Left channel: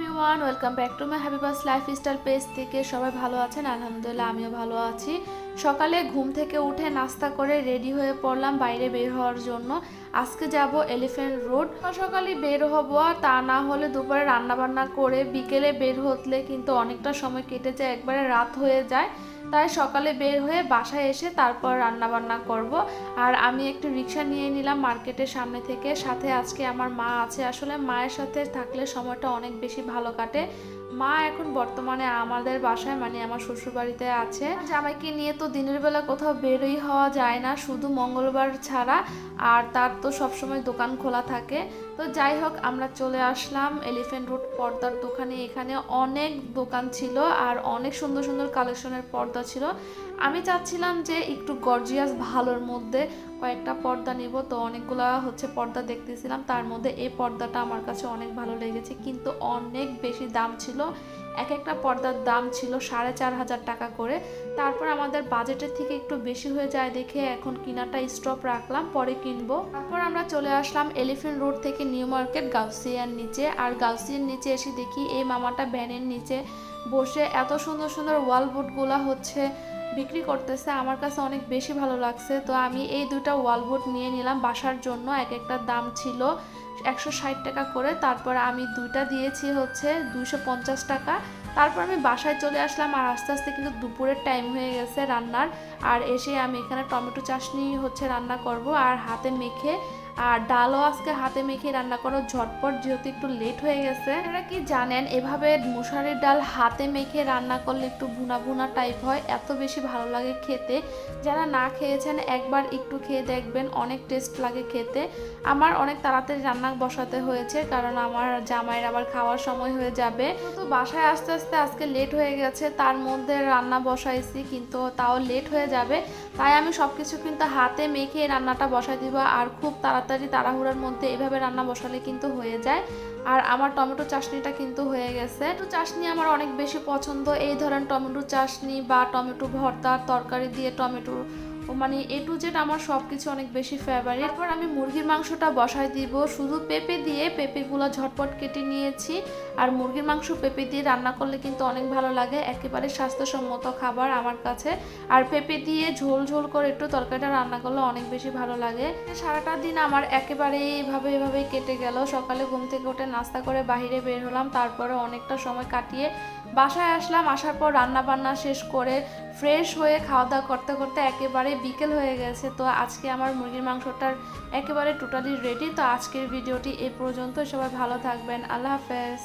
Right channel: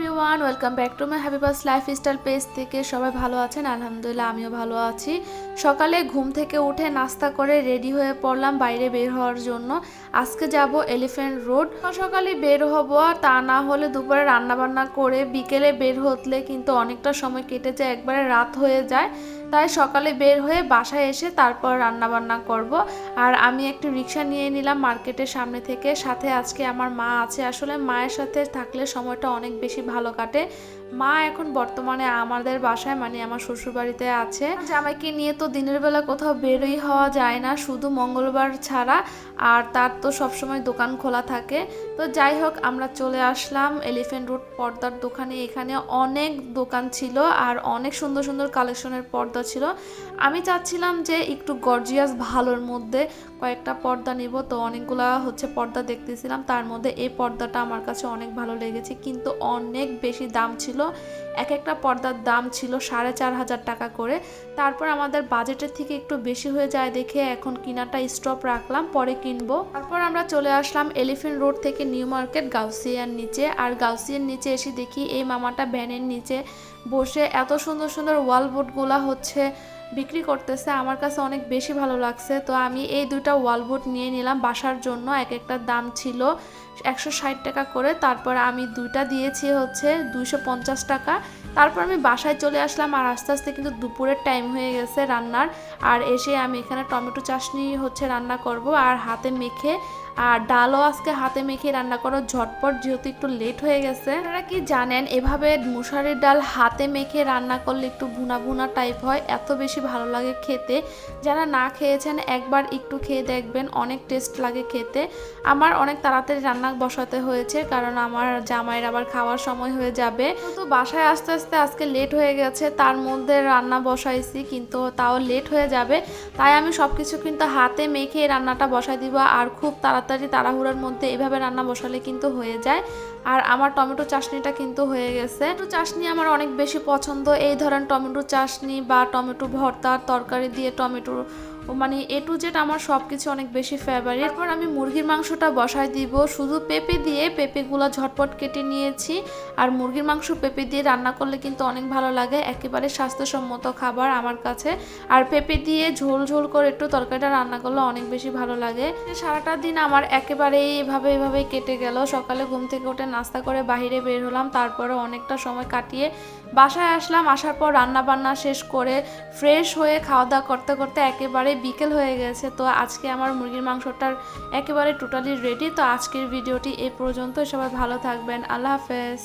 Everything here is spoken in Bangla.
Everyone, welcome back to my Habiba's lifestyle page থেকে। সবাই ভালো আছেন? আলহামদুলিল্লাহ, আমিও ভালো আছি। সকালে ঘুম থেকে উঠে নাস্তা করে রেডি হয়ে পড়লাম বাইরে বের হওয়ার জন্য। আজকে যাব এলিফ্যান্ট রোড। সকালে বের হব, তা না হলে দুপুরে রান্নাবান্না করে বিকেলে বের হতলে কিন্তু অনেকটা সময় কেটে যায়, একবারে রাত হয়ে যায়। তাই সকালে বের হয়ে বাসায় এসে তারপর রান্নাবান্না করব। আর আমি একটু রিক্সা নিয়ে নিলাম মার্কেটের সামনে থেকে। সাথে আজকে আমার মা আছে। আসলে মায়ের সাথে থাকলে সময়টা অনেক বেশি ভালো কাটে। মা এখন বর্তমানে আমাদের বাসায়, মানে আমার শ্বশুরবাড়িতে আছে। জামাইকে নিয়ে তো দিনের বেলা কোথাও বেরোই হওয়া যায় না, শুধু মঙ্গলবার ছাড়া। আর তার তো সবসময় দোকান খোলা থাকে। তো যাই হোক, আমরা চলে আসলাম এলিফ্যান্ট রোড পর্দার দোকানে। এখানে অনেক দোকান ছিল আর অনেক সুন্দর সুন্দর কালেকশনের পর্দা ছিল। আমি চাচ্ছিলাম যে একটু গর্জিয়াস ভালোর মধ্যে কয়েকটা পর্দা নিব। তো অনেকগুলা পর্দা দেখতেছিলাম, তার মধ্যে এই পর্দাটা আমার কাছে অনেক ভালো লেগেছে, কিন্তু অনেক বেশি দাম ছিল। এক একটা পর্দার দাম ছিল 4,500 টাকা করে। তারপর আমাদের বাজেটের থেকে একটু বেশি হয়ে যায় দেখে এখন কিনাটা স্টপ রাখলাম, পরে কিনবো। তারপর আমরা চলে আসলাম এলিফ্যান্ট রোড থেকে নিউ মার্কেট গাউসিয়ার নিচে। আর গাউসিয়ার নিচে এসে দেখি এই মামাটা ভ্যানের নিচে বসে এত সুন্দর সুন্দর ওয়াল বোর্ডগুলা বিক্রি করতেছে। আমার কাছে অনেক বেশি ভালো লাগছে। তো আমি এই দুইটা ওয়ালবোর্ড নিয়ে নিলাম বাসার জন্য। এক একটার দাম ছিল 160 টাকা করে। তারপর আমি দুইটা দিয়েছি 250 টাকা। তারপর আমি বাসায় চলে আসলাম। আর আস্তে আস্তে কিন্তু দুপুরের টাইম হয়ে গেছে রান্নার। আর এসে আমি এখানে টমেটো চাটনি রান্না করব আর হাতে মেখে। আর ডালও আজকে হাতে মেখে রান্না করো ঝটপট, যেহেতু একটু লেট হয়ে গেছে। আপনারা কি জানেন, এভাবে মুসুরির ডাল হাতে মেখে রান্না করলে একটু ভুনা ভুনা টাইপ হয়, এত বেশি ভালো লাগে খেতে। যারা না খেয়েছেন একবার একটু খেয়ে দেখবেন, অনেক টেস্ট লাগে খেতে। আমার অনেক তাড়াতাড়ি রান্না বসাতে হয়েছে, কারণ আমার জামাইয়ের আবার খাওয়ার সময় হয়ে যাবে। তো বাসায় আস্তে আস্তে আজকে লেট হয়ে গেছে, তার মধ্যে রান্না বসাইছি, কিন্তু তাও লেট হয়ে যাবে। তাই আমি সবকিছু কিন্তু হাতে মেখে রান্নাটা বসাই দিব। আর খুব তাড়াতাড়ি তাড়াহুড়োর মধ্যে এভাবে রান্না বসালে কিন্তু হয়ে যায়। আর আমার টমেটো চাটনিটা কিন্তু হয়ে গেছে। টমেটো চাটনি আমার অনেক বেশি পছন্দ। এই ধরেন টমেটো চাটনি বা টমেটো ভর্তা, তরকারি দিয়ে টমেটো, মানে এ টু জেড আমার সব কিছু অনেক বেশি ফেভারিট। এরপর আমি মুরগির মাংসটা বসাই দিব শুধু পেঁপে দিয়ে। পেঁপেগুলো ঝটপট কেটে নিয়েছি। আর মুরগির মাংস পেঁপে দিয়ে রান্না করলে কিন্তু অনেক ভালো লাগে, একেবারে স্বাস্থ্যসম্মত খাবার আমার কাছে। আর পেঁপে দিয়ে ঝোল ঝোল করে একটু তরকারিটা রান্না করলে অনেক বেশি ভালো লাগে। সারাটা দিন আমার একেবারে এভাবে কেটে গেল। সকালে ঘুম থেকে উঠে নাস্তা করে বাইরে বের হলাম, তারপরে অনেকটা সময় কাটিয়ে বাসায় আসলাম। আসার পর রান্না বান্না শেষ করে ফ্রেশ হয়ে খাওয়া দাওয়া করতে করতে একেবারে বিকেল হয়ে গেছে। তো আজকে আমার মুরগির মাংসটার একেবারে টোটালি রেডি। তো আজকের ভিডিওটি এ পর্যন্ত। সবাই ভালো থাকবেন। আল্লাহ হাফেজ।